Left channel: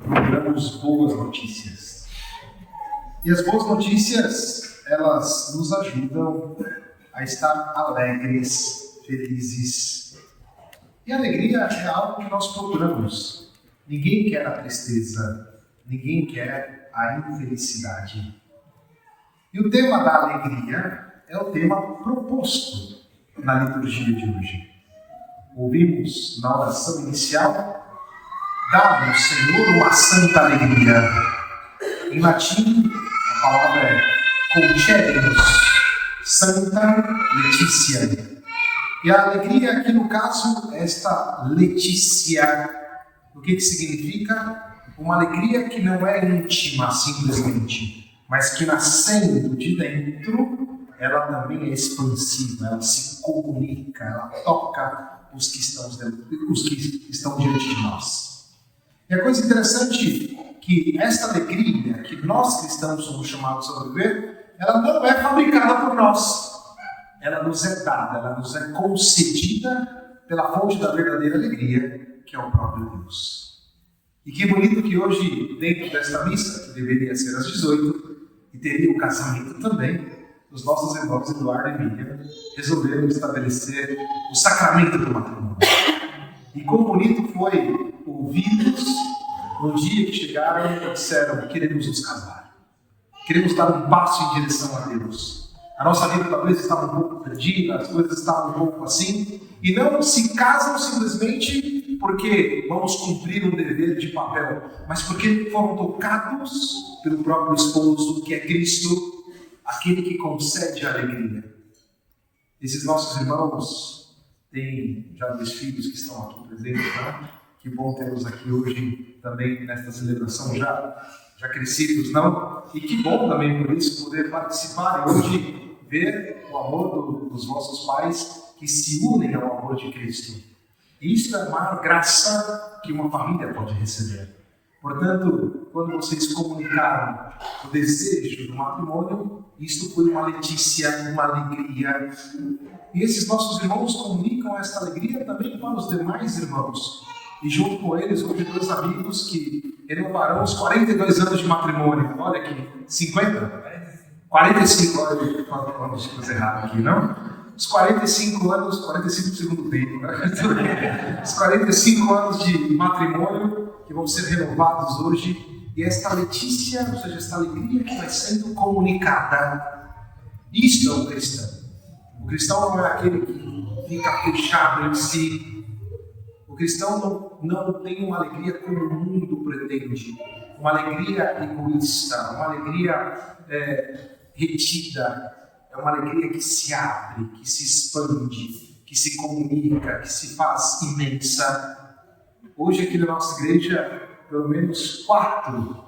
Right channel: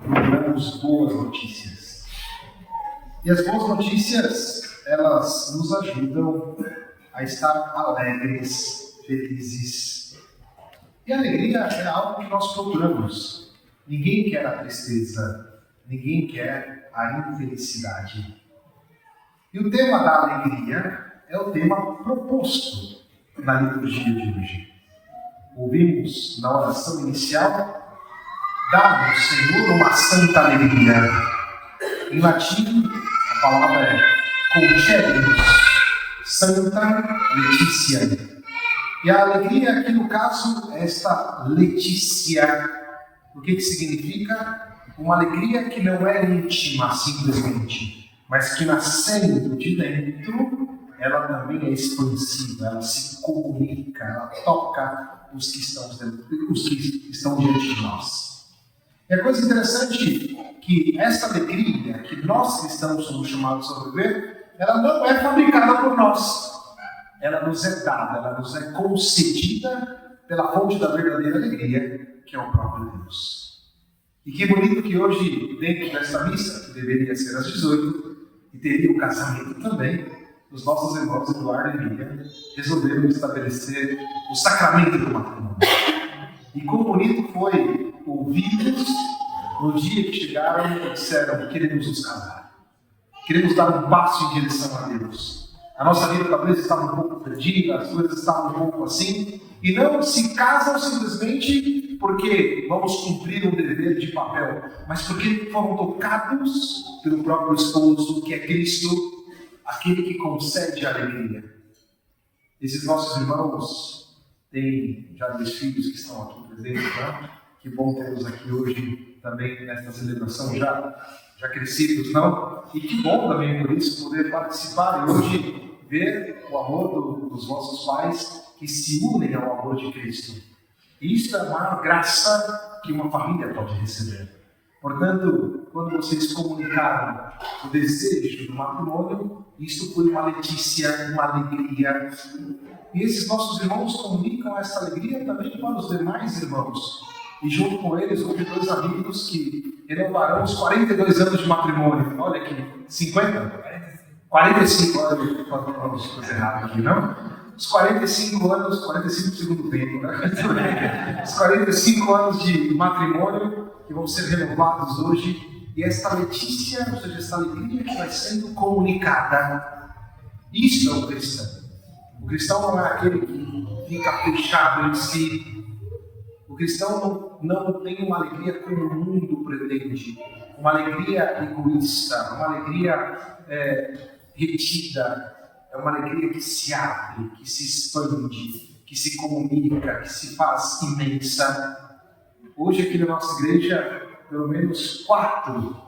procuramos boas notícias. E as boas notícias, elas nos ajudam a estar alegres, felizes. E a alegria é algo que nós procuramos. Ninguém quer a tristeza, ninguém quer a infelicidade. E o tema da alegria é o tema proposto na liturgia de hoje. Ouvimos na oração inicial: dá-nos, Senhor, uma santa alegria. Em latim, a palavra é concede-nos, Santa Letícia. E a alegria aqui no caso é esta Letícia. O que significa? Uma alegria que não é íntima simplesmente, mas que nascendo de dentro, ela também é expansiva, ela se comunica, ela toca os que estão diante de nós. E a coisa interessante é que esta alegria que nós cristãos somos chamados a viver, ela não é fabricada por nós. Ela nos é dada, ela nos é concedida pela fonte da verdadeira alegria, que é o próprio Deus. E que bonito que hoje, dentro desta missa, que deveria ser às 18, e teria o casamento também, os nossos irmãos Eduardo e Miriam resolveram estabelecer o sacramento do matrimônio. E quão bonito foi ouvi-los no dia que chegaram e disseram: queremos nos casar. Queremos dar um passo em direção a Deus. A nossa vida talvez estava um pouco perdida, as coisas estavam um pouco assim, e não se casam simplesmente porque vamos cumprir um dever de papel, mas porque foram tocados pelo próprio esposo, que é Cristo, aquele que concede a alegria. Esses nossos irmãos têm já 2 filhos que estão aqui presentes, não? Que bom tê-los aqui hoje também nesta celebração, já crescidos, não? E que bom também por isso poder participar e hoje ver o amor dos vossos pais que se unem ao amor de Cristo. E isso é uma graça que uma família pode receber. Portanto, quando vocês comunicaram o desejo do matrimônio, isso foi uma letícia, uma alegria. E esses nossos irmãos comunicam essa alegria também para os demais irmãos. E junto com eles, hoje 2 amigos que renovarão os 42 anos de matrimônio. Olha aqui, 50? 45, olha, vamos fazer errado aqui, não? Os 45 anos, 45 do segundo tempo, né? Os 45 anos de matrimônio que vão ser renovados hoje. E esta letícia, ou seja, esta alegria que vai sendo comunicada. Isto é o cristão. O cristão não é aquele que fica fechado em si. O cristão não tem uma alegria como o mundo pretende. Uma alegria egoísta, uma alegria retida. É uma alegria que se abre, que se expande, que se comunica, que se faz imensa. Hoje aqui na nossa igreja, pelo menos 4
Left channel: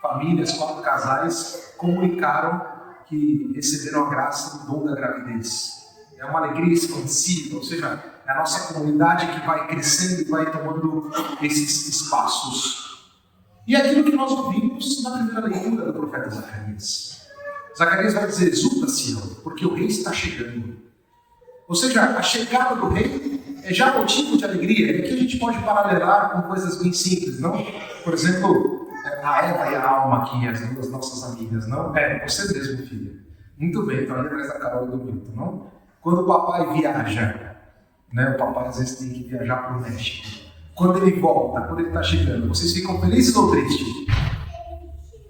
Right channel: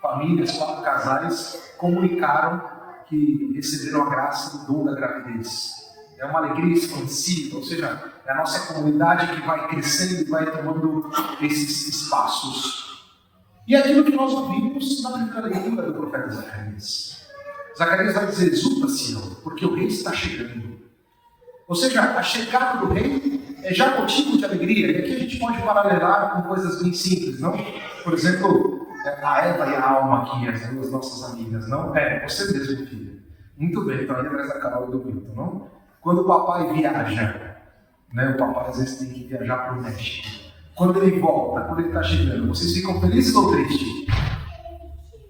famílias, 4 casais comunicaram que receberam a graça do dom da gravidez. É uma alegria expansiva, ou seja, é a nossa comunidade que vai crescendo e vai tomando esses espaços. E é aquilo que nós ouvimos na primeira leitura do profeta Zacarias. Zacarias vai dizer: exulta, Sião, porque o rei está chegando. Ou seja, a chegada do rei é já motivo de alegria. E aqui a gente pode paralelar com coisas bem simples, não? Por exemplo, a Eva e a Alma aqui, as 2 nossas amigas, não? Você mesmo, filha. Muito bem, estou ali atrás da Carol e do Milton, não? Quando o papai viaja, né? O papai às vezes tem que viajar para o México. Quando ele volta, quando ele está chegando, vocês ficam felizes ou tristes?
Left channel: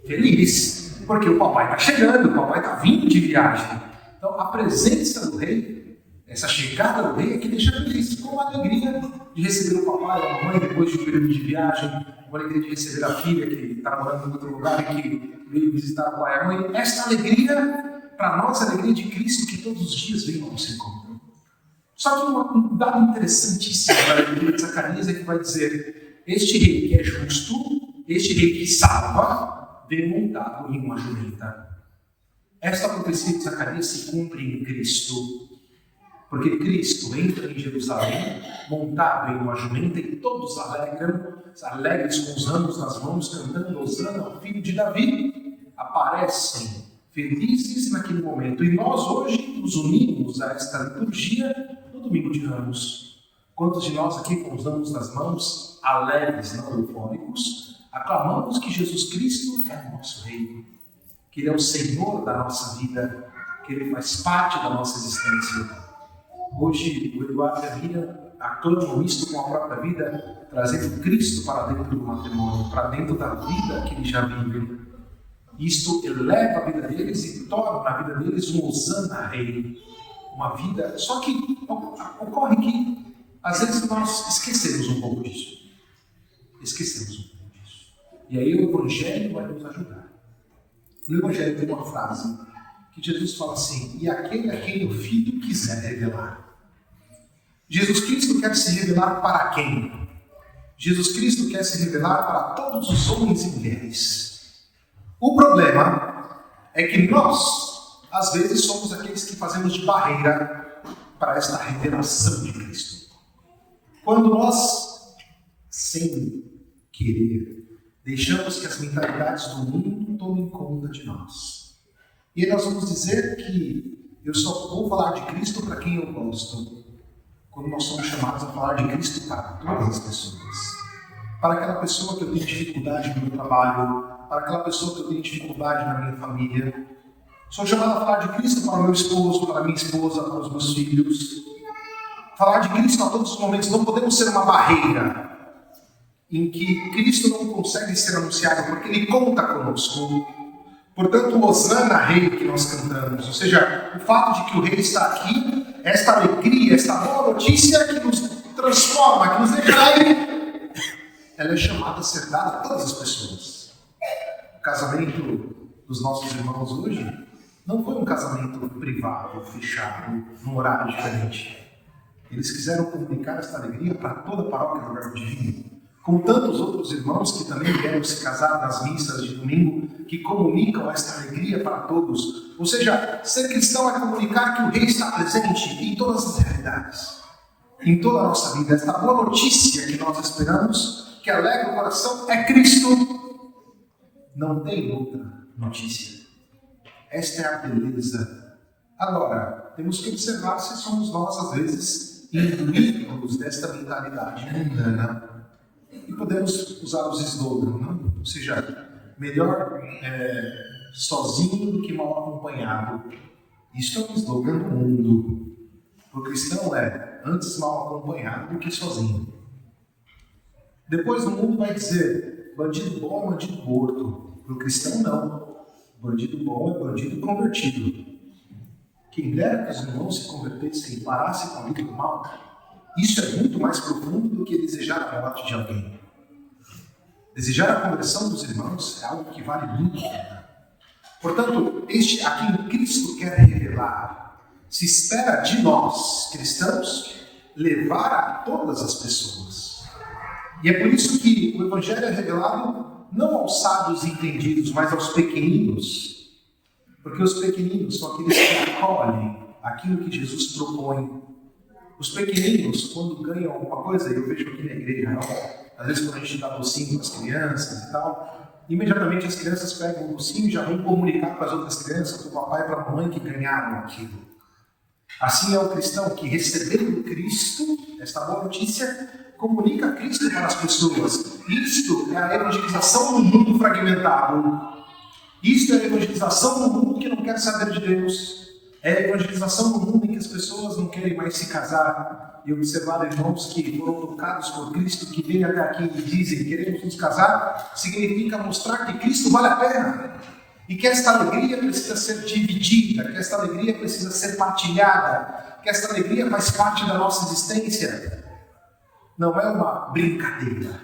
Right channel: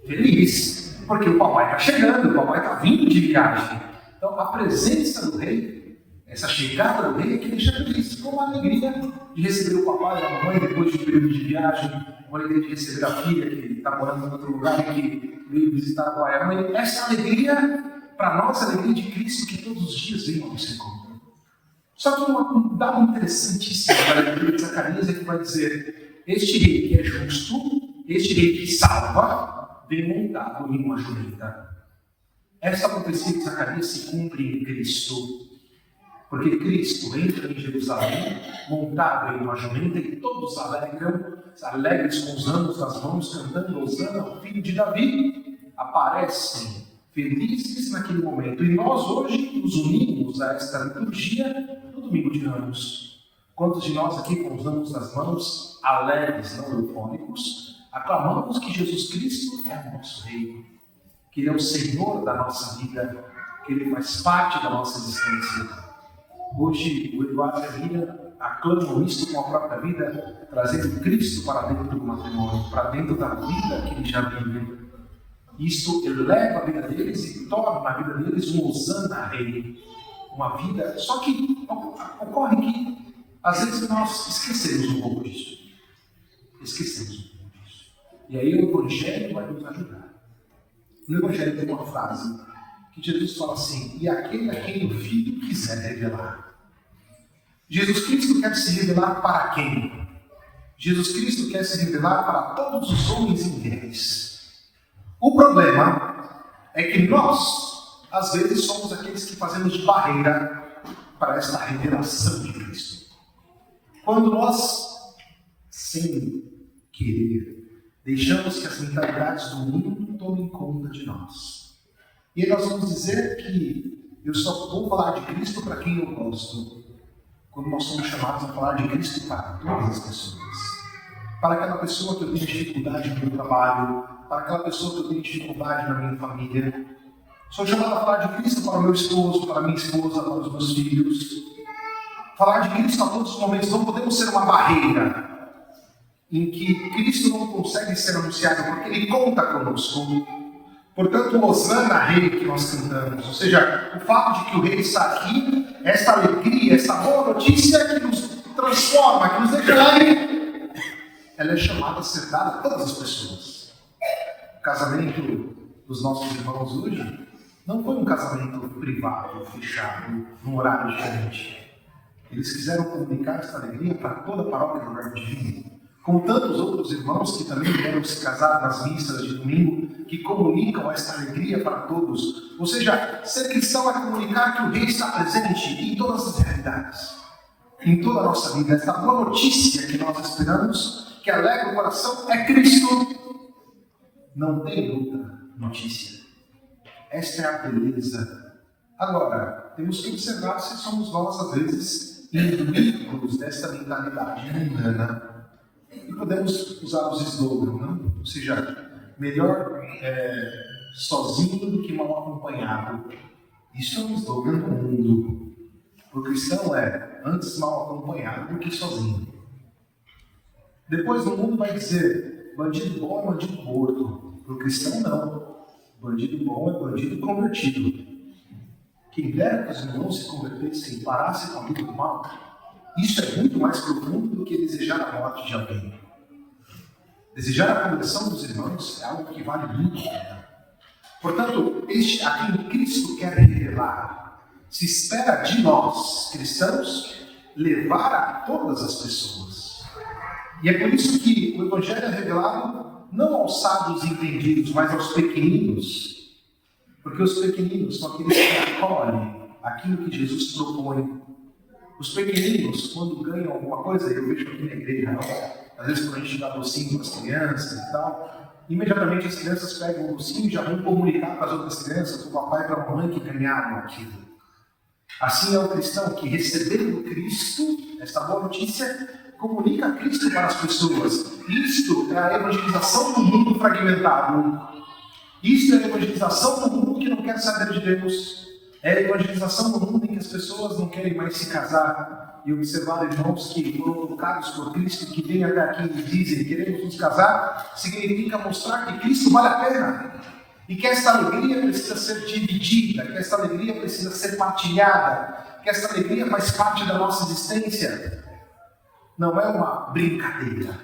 Felizes. Porque o papai está chegando, o papai está vindo de viagem. Então, a presença do rei, essa chegada do rei, é que deixa feliz, com uma alegria de receber o papai e a mamãe depois de um período de viagem, uma alegria de receber a filha que está morando em outro lugar e que veio visitar a pai e a mãe. Esta alegria, para nós, é a alegria de Cristo que todos os dias vem ao nosso encontro. Só que um dado interessantíssimo da leitura de Zacarias é que vai dizer: este rei que é justo, este rei que salva, vem montado em uma jumenta. Esta profecia de Zacarias se cumpre em Cristo, porque Cristo entra em Jerusalém montado em uma jumenta e todos alegres com os ramos nas mãos, cantando Hosana, o filho de Davi, aparecem felizes naquele momento. E nós hoje nos unimos a esta liturgia no domingo de Ramos, Quantos de nós aqui, com os damos nas mãos, alegres, não eufóricos, aclamamos que Jesus Cristo é o nosso Rei, que Ele é o Senhor da nossa vida, que Ele faz parte da nossa existência. Hoje, o Eduardo e a Miriam aclamam isto com a própria vida, trazendo Cristo para dentro do matrimônio, para dentro da vida que eles já vivem. Isto eleva a vida deles e torna a vida deles um Hosana Rei, uma vida. Só que ocorre que às vezes nós esquecemos um pouco disso. E aí o Evangelho vai nos ajudar. No Evangelho tem uma frase que Jesus fala assim: e aquele a quem o Filho quiser revelar. Jesus Cristo quer se revelar para quem? Jesus Cristo quer se revelar para todos os homens e mulheres. O problema é que nós, às vezes, somos aqueles que fazemos de barreira para esta revelação de Cristo. Quando nós, sem querer, deixamos que as mentalidades do mundo tomem conta de nós. E aí nós vamos dizer que eu só vou falar de Cristo para quem eu gosto, quando nós somos chamados a falar de Cristo para todas as pessoas. Para aquela pessoa que eu tenho dificuldade no meu trabalho, para aquela pessoa que eu tenho dificuldade na minha família. Sou chamado a falar de Cristo para o meu esposo, para a minha esposa, para os meus filhos. Falar de Cristo a todos os momentos. Não podemos ser uma barreira em que Cristo não consegue ser anunciado, porque Ele conta conosco. Portanto, o Hosana Rei que nós cantamos, ou seja, o fato de que o Rei está aqui, esta alegria, esta boa notícia que nos transforma, que nos deixa alegre, ela é chamada a ser dada a todas as pessoas. O casamento dos nossos irmãos hoje não foi um casamento privado, fechado, num horário diferente. Eles quiseram comunicar esta alegria para toda a paróquia do Verbo Divino, com tantos outros irmãos que também vieram se casar nas missas de domingo, que comunicam esta alegria para todos. Ou seja, ser cristão é comunicar que o Rei está presente em todas as realidades, em toda a nossa vida. Esta boa notícia que nós esperamos, que alegra o coração, é Cristo. Não tem outra notícia. Esta é a beleza. Agora, temos que observar se somos nós, às vezes, imbuídos desta mentalidade mundana. E podemos usar os slogans, não? Ou seja, melhor sozinho do que mal acompanhado. Isso é um slogan do mundo. O cristão é antes mal acompanhado do que sozinho. Depois o mundo vai dizer, bandido bom é bandido morto. Para o cristão não. Bandido bom é bandido convertido. Quem dera que os irmãos se convertessem e parassem com a vida do mal. Isso é muito mais profundo do que desejar a morte de alguém. Desejar a conversão dos irmãos é algo que vale muito a pena. Portanto, este a quem Cristo quer revelar, se espera de nós, cristãos, levar a todas as pessoas. E é por isso que o Evangelho é revelado não aos sábios entendidos, mas aos pequeninos. Porque os pequeninos são aqueles que acolhem aquilo que Jesus propõe. Os pequeninos, quando ganham alguma coisa, eu vejo aqui na igreja, às vezes quando a gente dá docinho para as crianças e tal, imediatamente as crianças pegam o docinho e já vão comunicar para as outras crianças, para o papai e para a mãe que ganharam aquilo. Assim é o cristão que, recebendo Cristo, esta boa notícia, comunica Cristo para as pessoas. Isto é a evangelização no mundo fragmentado. Isto é a evangelização no mundo que não quer saber de Deus. É a evangelização no mundo em que as pessoas não querem mais se casar. E observar irmãos que foram tocados por Cristo, que vêm até aqui e dizem, queremos nos casar, significa mostrar que Cristo vale a pena. E que esta alegria precisa ser dividida, que esta alegria precisa ser partilhada, que esta alegria faz parte da nossa existência. Não é uma brincadeira,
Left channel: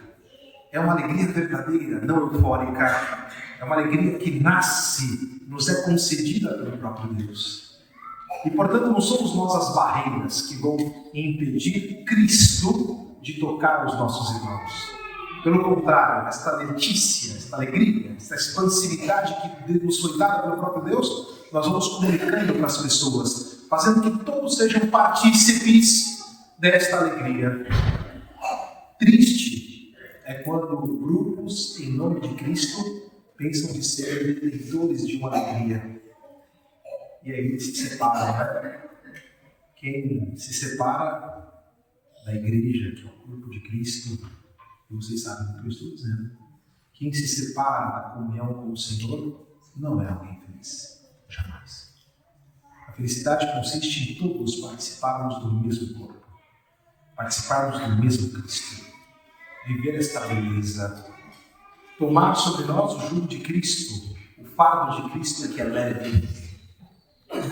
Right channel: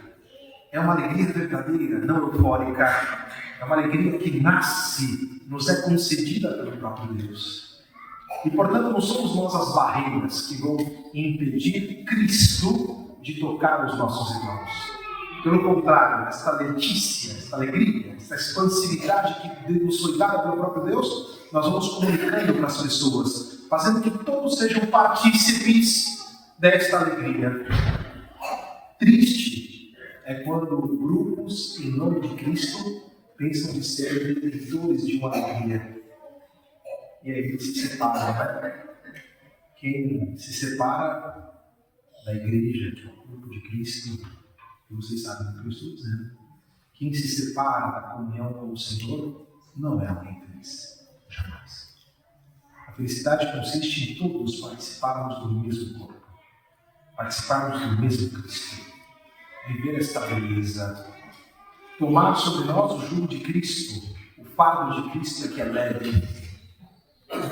é uma alegria verdadeira, não eufórica. É uma alegria que nasce, nos é concedida pelo próprio Deus. E, portanto, não somos nós as barreiras que vão impedir Cristo de tocar os nossos irmãos. Pelo contrário, esta letícia, esta alegria, esta expansividade que nos foi dada pelo próprio Deus, nós vamos comunicando para as pessoas, fazendo que todos sejam partícipes desta alegria. Triste é quando grupos, em nome de Cristo, pensam de ser detentores de uma alegria. E aí eles se separam. Quem se separa da igreja, que é o corpo de Cristo, e vocês sabem do que eu estou dizendo, quem se separa da comunhão com o Senhor não é alguém feliz. Jamais. A felicidade consiste em todos participarmos do mesmo corpo, participarmos do mesmo Cristo, viver esta beleza, tomar sobre nós o jugo de Cristo, o fardo de Cristo que é leve.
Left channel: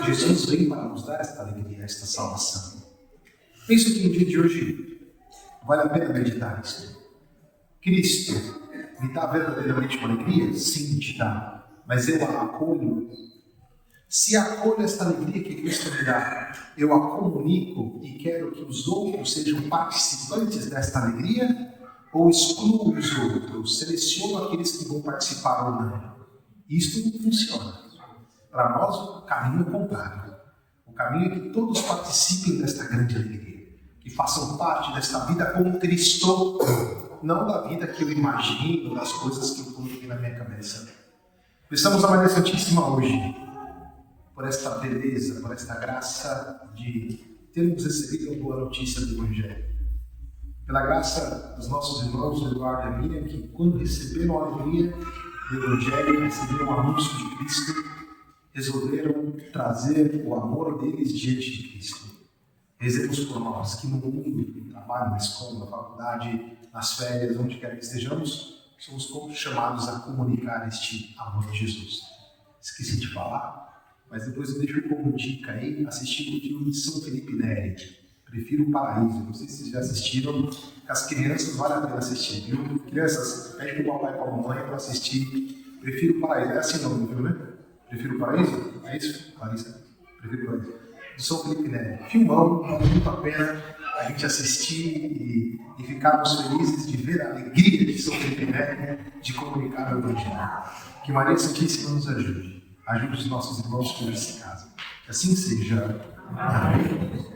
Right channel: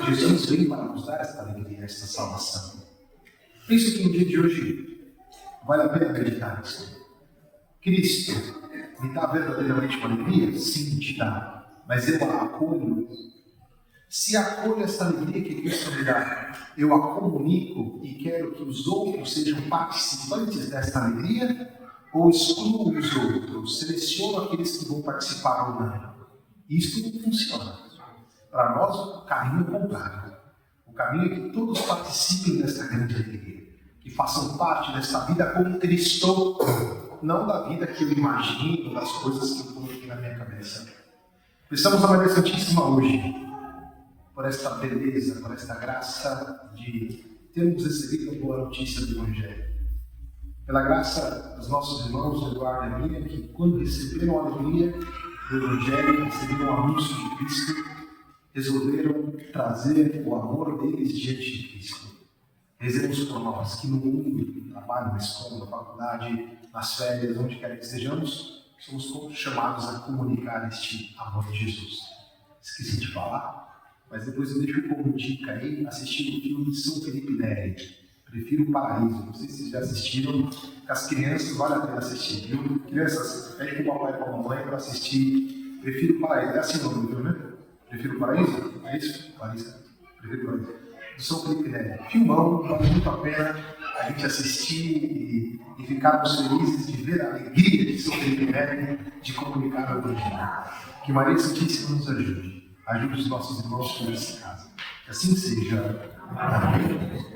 Jesus vem para nos dar esta alegria, esta salvação. Penso que no dia de hoje vale a pena meditar nisso. Cristo me dá verdadeiramente uma alegria? Sim, te dá. Mas eu a acolho. Se acolho esta alegria que Cristo me dá, eu a comunico e quero que os outros sejam participantes desta alegria, ou excluo os outros, seleciono aqueles que vão participar ou não. Isto não funciona. Para nós, o caminho é contrário. O caminho é que todos participem desta grande alegria, que façam parte desta vida com Cristo, não da vida que eu imagino, das coisas que eu coloquei na minha cabeça. Estamos na Maria Santíssima hoje, por esta beleza, por esta graça de termos recebido a boa notícia do Evangelho. Pela graça dos nossos irmãos Eduardo e Miriam, que quando receberam a alegria do Evangelho, receberam o anúncio de Cristo, resolveram trazer o amor deles diante de Cristo. Rezemos por nós, que no mundo, no trabalho, na escola, na faculdade, nas férias, onde quer que estejamos, somos todos chamados a comunicar este amor de Jesus. Esqueci de falar, mas depois eu deixo como dica aí, assistir o filme de São Felipe Neri, Prefiro o Paraíso. Não sei se vocês já assistiram, as crianças vale a pena assistir, viu? Crianças, pede para o papai e para a mamãe para assistir Prefiro o Paraíso. É assim o nome, viu, né? Prefiro o Paraíso? É isso? Larissa? Prefiro o Paraíso. Do São Felipe Neri. Filmão, vale muito a pena a gente assistir e ficarmos felizes de ver a alegria de São Felipe Neri de comunicar o Evangelho. Que Maria Santíssima nos ajude. Ajude os nossos irmãos que nesse caso. Que assim seja. Amém.